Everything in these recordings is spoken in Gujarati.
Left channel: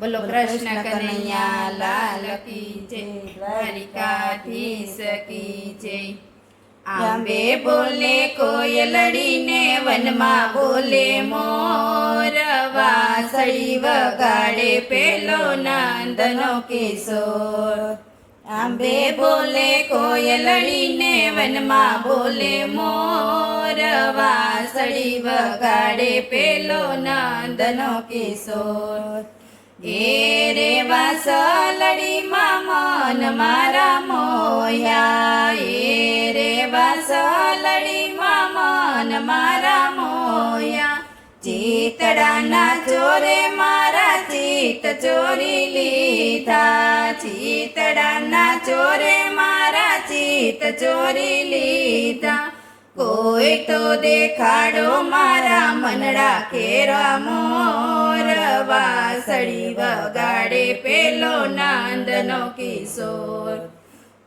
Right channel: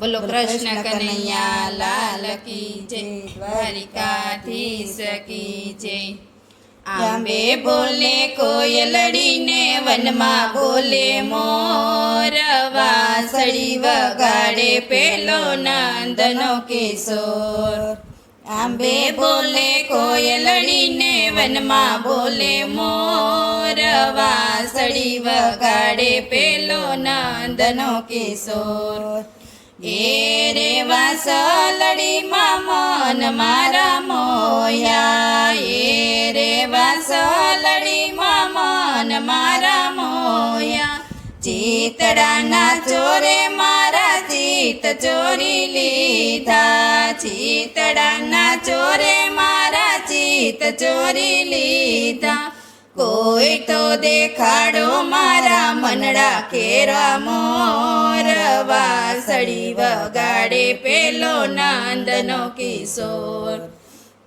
બોલો કૃષ્ણ કનૈયા લાલ કી જય, દ્વારિકાધીશ કી જય। આંબે બોલે કોયલડીને, વનમાં બોલે મોર, વાંસળી વગાડે પેલો નંદનો કિશોર। આંબે બોલે કોયલડીને, વનમાં બોલે મોર, વાંસળી વગાડે પેલો નંદનો કિશોર। એ રે વાંસળીમાં મન મારા મોયા, એ રે વાંસળીમાં મન મારા મોયા। ચિતડાના ચોરે મારા ચિત ચોરી લીધા, ચિતડાના ચોરે મારા ચિત ચોરી લીધા। કોઈ તો દેખાડો મારા મનડા કેરા મોર, વાંસળી વગાડે પેલો નંદનો કિશોર।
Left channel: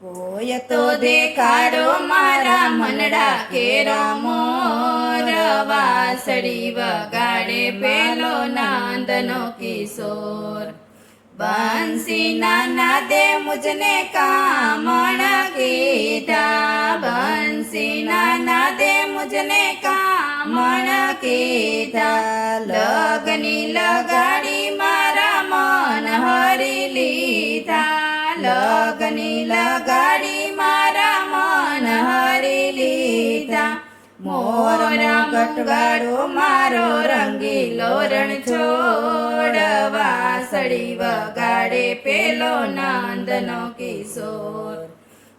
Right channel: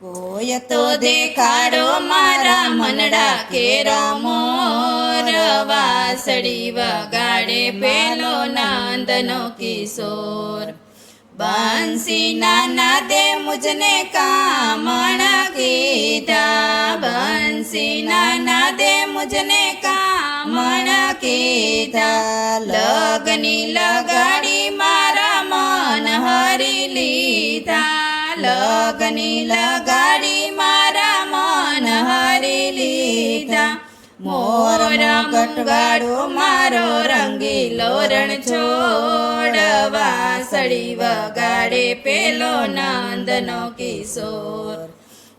કોઈ તો દેખાડો મારા મનડા કેરા મોર, વાંસળી વગાડે પેલો નંદનો કિશોર। બંસીના નાદે મુજને કામણ કીધા, બંસીના નાદે મુજને કામણ કીધા। લગની લગાડી મારા મન હરી લીધા, લગની લગાડી મારા મન હરી લીધા। મોર ગટવાડો મારો રંગીલો રણછોડ, વાંસળી વગાડે પેલો નંદનો કિશોર।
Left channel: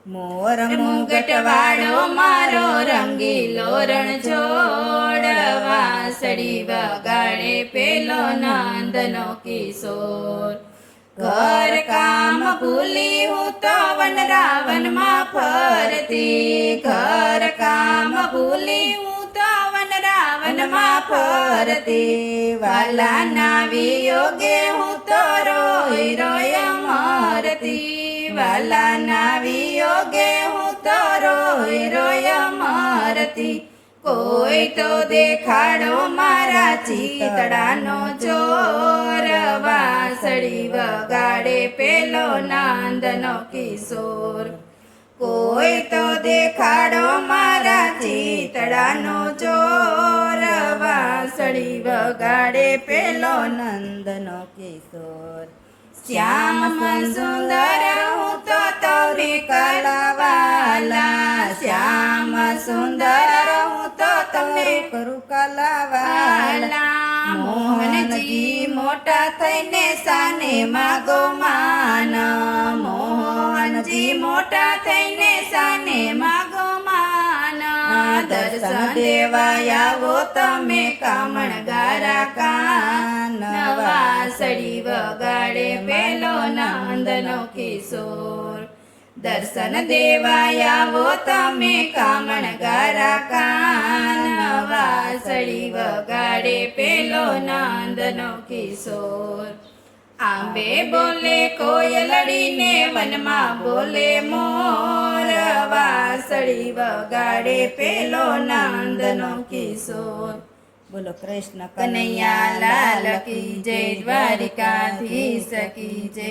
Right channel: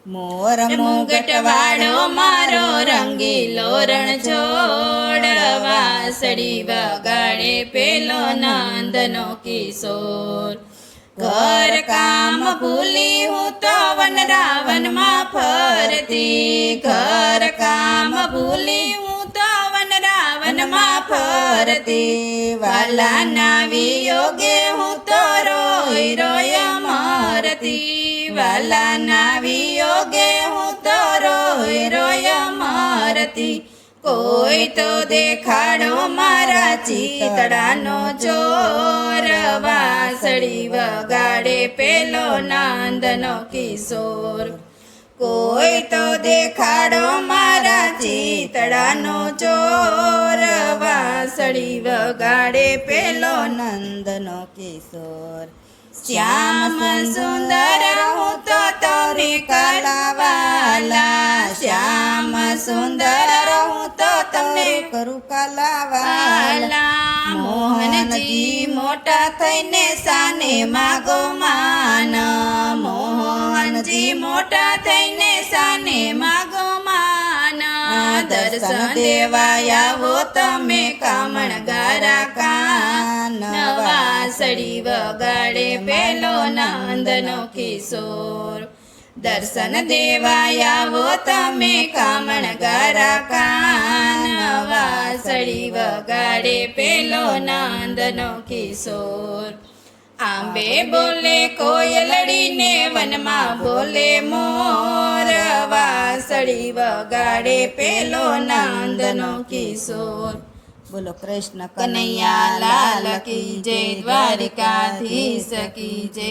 મોર મુગટવાડો મારો રંગીલો રણછોડ, વાંસળી વગાડે પેલો નંદનો કિશોર। ઘર કામ ભૂલી હું તો વનરાવનમાં ફરતી, ઘર કામ ભૂલી હું તો વનરાવનમાં ફરતી। વાલાના વિયોગે હું તો રોઈ રોય મરતી, વાલાના વિયોગે હું તો રોઈ રોય મરતી। કોઈ તો દેખાડો મારા ચિતડાનો ચોર, વાંસળી વગાડે પેલો નંદનો કિશોર। કોઈ તો દેખાડો મારા ચિતડાનો ચોર, વાંસળી વગાડે પેલો નંદનો કિશોર। શ્યામ સુંદર હું તો તમને કલાવાલા, શ્યામ સુંદર હું તો તમને કરું કલાવાલા। મોહનજી મોટા થઈને સાને માગો માન, મોહનજી મોટા થઈને સાને માગો માન। દર્શન દેવા આવો તમે કામણ ગારા કાન, વાંસળી વગાડે પેલો નંદનો કિશોર। દર્શન દેવા આવો તમે કામણ ગારા કાન, વાંસળી વગાડે પેલો નંદનો કિશોર। આંબે બોલે કોયલડીને, વનમાં બોલે મોર, વાંસળી વગાડે પેલો નંદનો કિશોર। બોલો કૃષ્ણ કનૈયા લાલ કી જય, દ્વારિકાધીશ કી જય।